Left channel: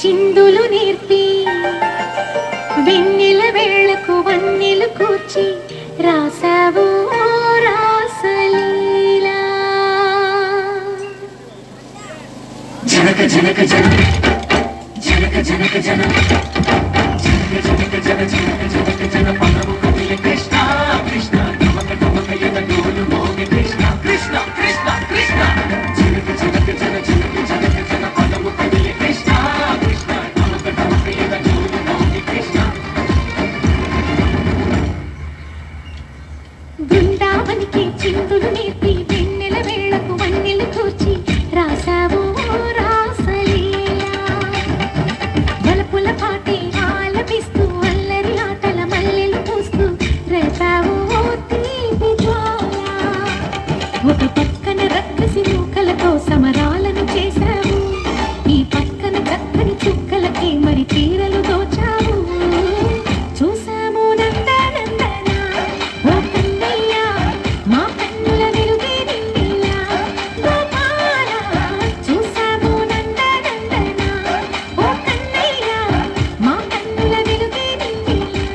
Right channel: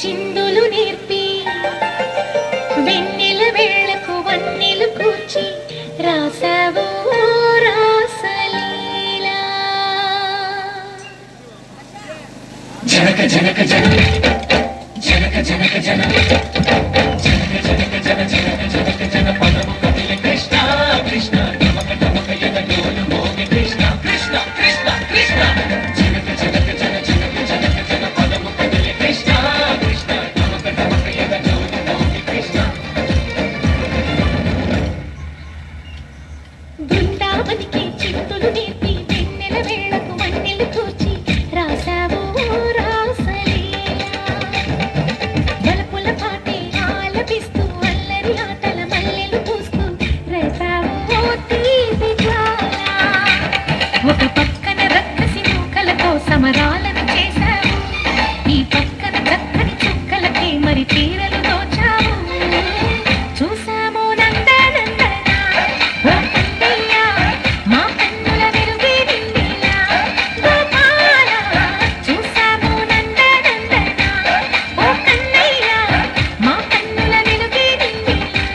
చిందులు నేర్పి వెన్నెల వేళకు వన్నెలు కూర్చి రాసావు రాసలీలా. జనక జనక జన జనక జనక జన జనక జనక జన జనక జనక జన పదము కదిలే కృష్ణ కృష్ణ నమక నమక ఎదగోలు మోగి కృష్ణ కృష్ణ కృష్ణ కృష్ణ జనక జనక జన జనక జనక జన పదము కదిలే కృష్ణ కృష్ణ నమక నమక ఎదగోలు మోగి కృష్ణ. బృందావనికి చిందులు నేర్పి వెన్నెల వేళకు వన్నెలు కూర్చి రాసావు ఒక పక్కన రక్కసి మూకలతో సమరాలను చేశావు, ఈ పక్కన చక్కని చుక్కలకే మరి తీరలు దోచావు. చూసాము నందనందన ఓ కన్నయ్య మా కన్నుల వెలుగే నిండిలా గోపాల. చూసాము నందనందన ఓ కన్నయ్య మా కన్నుల వెలుగే నిండిలా.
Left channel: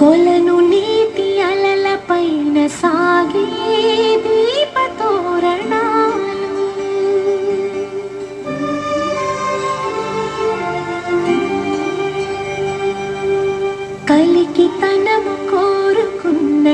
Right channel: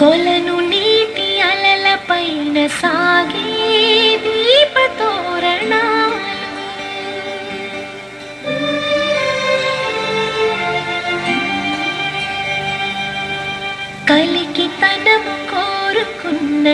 కొలను నీటి అలల పైన సాగే దీపతోరణాలు, కలికి తనము కోరుకున్న